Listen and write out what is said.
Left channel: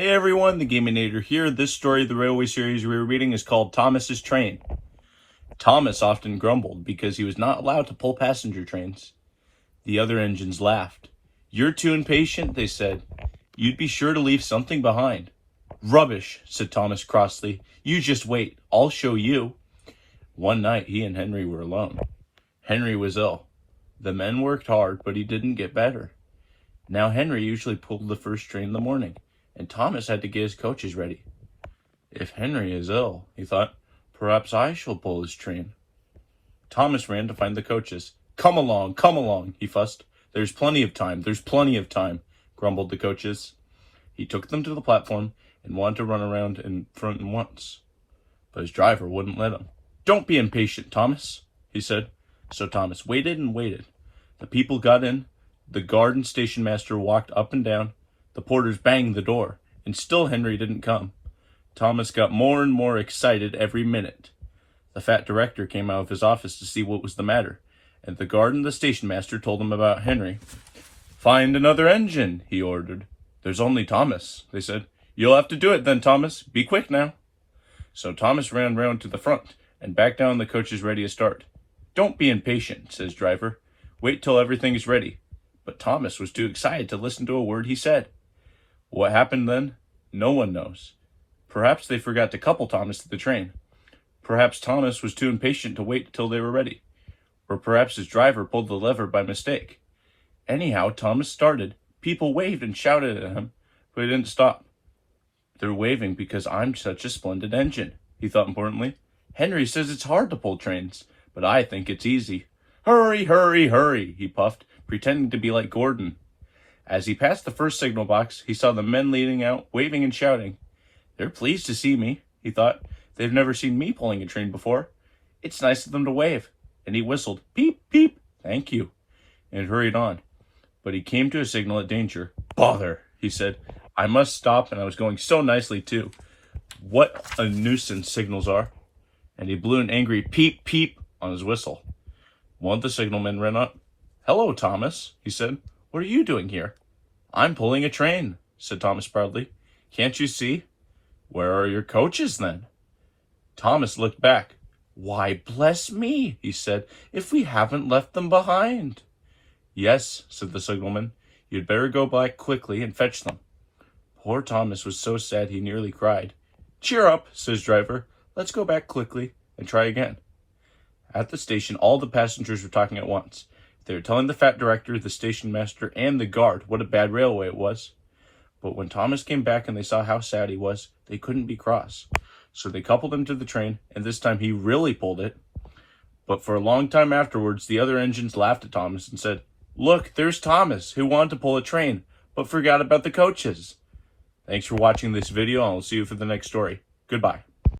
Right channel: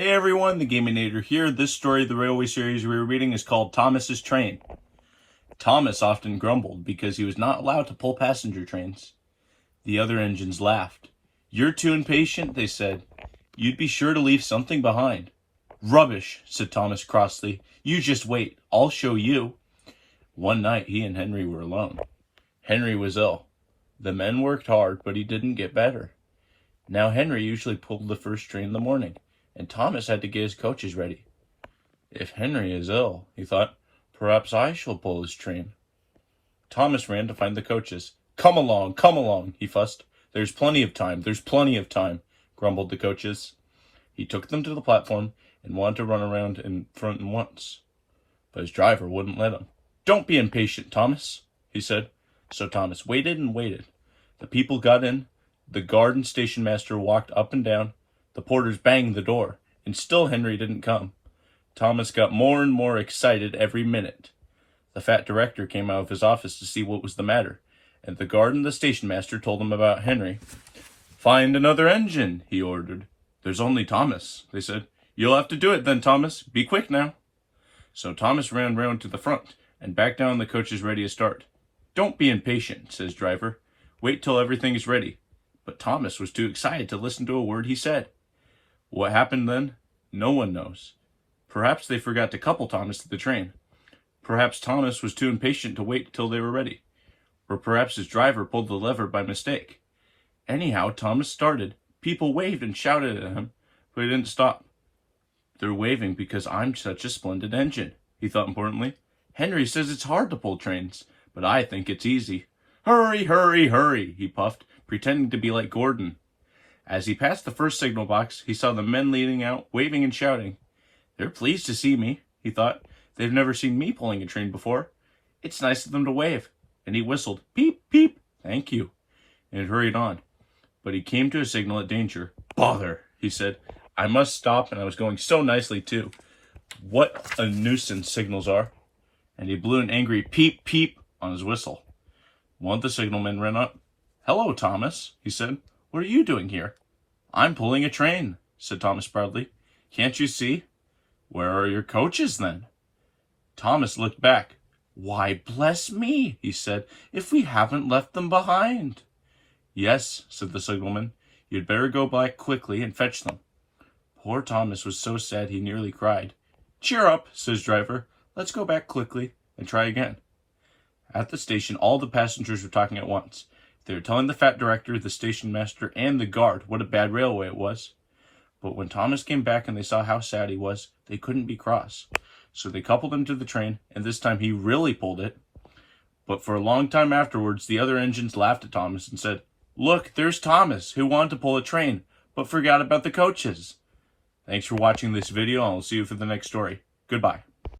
Hey everyone, the Gaminator here. This story of the railway series we're reading is called Thomas's Train. Thomas often grumbled because he was not allowed to pull passenger trains. The other engines laughed. "You're too impatient," they said. "You'd be sure to leave something behind." "Rubbish," said Thomas crossly. "You just wait. I'll show you." One night he and Henry were alone. Henry was ill. The men worked hard, but he didn't get better. Now Henry usually pulled the first train in the morning, and Thomas had to get his coaches ready. "If Henry is ill," he thought, "perhaps I shall pull his train." Thomas ran to find the coaches. Come along," he fussed. There's plenty of time, grumbled the coaches. He took them to the platform and wanted to run around in front once, but his driver wouldn't let him. "Don't be impatient, Thomas," he said. So Thomas waited and waited. The people got in. The guard and station master walked up and down. The porters banged the door, and still Henry didn't come. Thomas got more and more excited every minute. The fat director came out of his office to see what was the matter, and the guard and the station master told him about Henry. "Find another engine," he ordered. "There's only Thomas," they said. "You'll have to do it then, Thomas. Be quick now." So Thomas ran round to the front and back down the coaches ready to start. "Don't be impatient," says driver. "Wait till everything is ready." But Thomas was too excited to listen to a word he said. What happened then? No one knows. Perhaps they forgot to couple Thomas to the train. Perhaps Thomas was too impatient to wait till they were ready. Or perhaps his driver pulled the lever by mistake. Anyhow, Thomas started. People waved and shouted at him, but he didn't stop. "They're waving because I'm such a splendid engine," he thought importantly. "Henry says it's hard to pull trains, but I think it's easy. Hurry, hurry, hurry," he puffed, pretending to be like Gordon. As he passed the first signal box, he saw the men leading out, waving and shouting. "They're pleased to see me," he thought. "They've never seen me pulling a train before. It's nice of them to wave." And he whistled, "Peep, peep, thank you," and hurried on. But he came to a signal at danger. "Bother," he said. "I must stop, and I was going so nicely, too. What a nuisance signals are." And he blew an angry peep, peep on his whistle. One of the signalmen ran up. "Hello, Thomas," he said. "What are you doing here?" "I'm pulling a train," said Thomas proudly. "Can't you see?" "Where are your coaches, then?" Thomas looked back. "Why, bless me," he said, "if we haven't left them behind." "Yes," said the signalman. "You'd better go back quickly and fetch them." Poor Thomas was so sad he nearly cried. "Cheer up," says driver. "Let's go back quickly and try again." At the station, all the passengers were talking at once. They were telling the fat director, the station master, and the guard what a bad railway it was. But when Thomas came back and they saw how sad he was, they couldn't be cross. So they coupled him to the train, and this time he really pulled it. But for a long time afterwards, the other engines laughed at Thomas and said, "Look, there's Thomas, who wanted to pull a train, but forgot about the coaches." Thanks for watching this video, and I'll see you for the next story. Goodbye.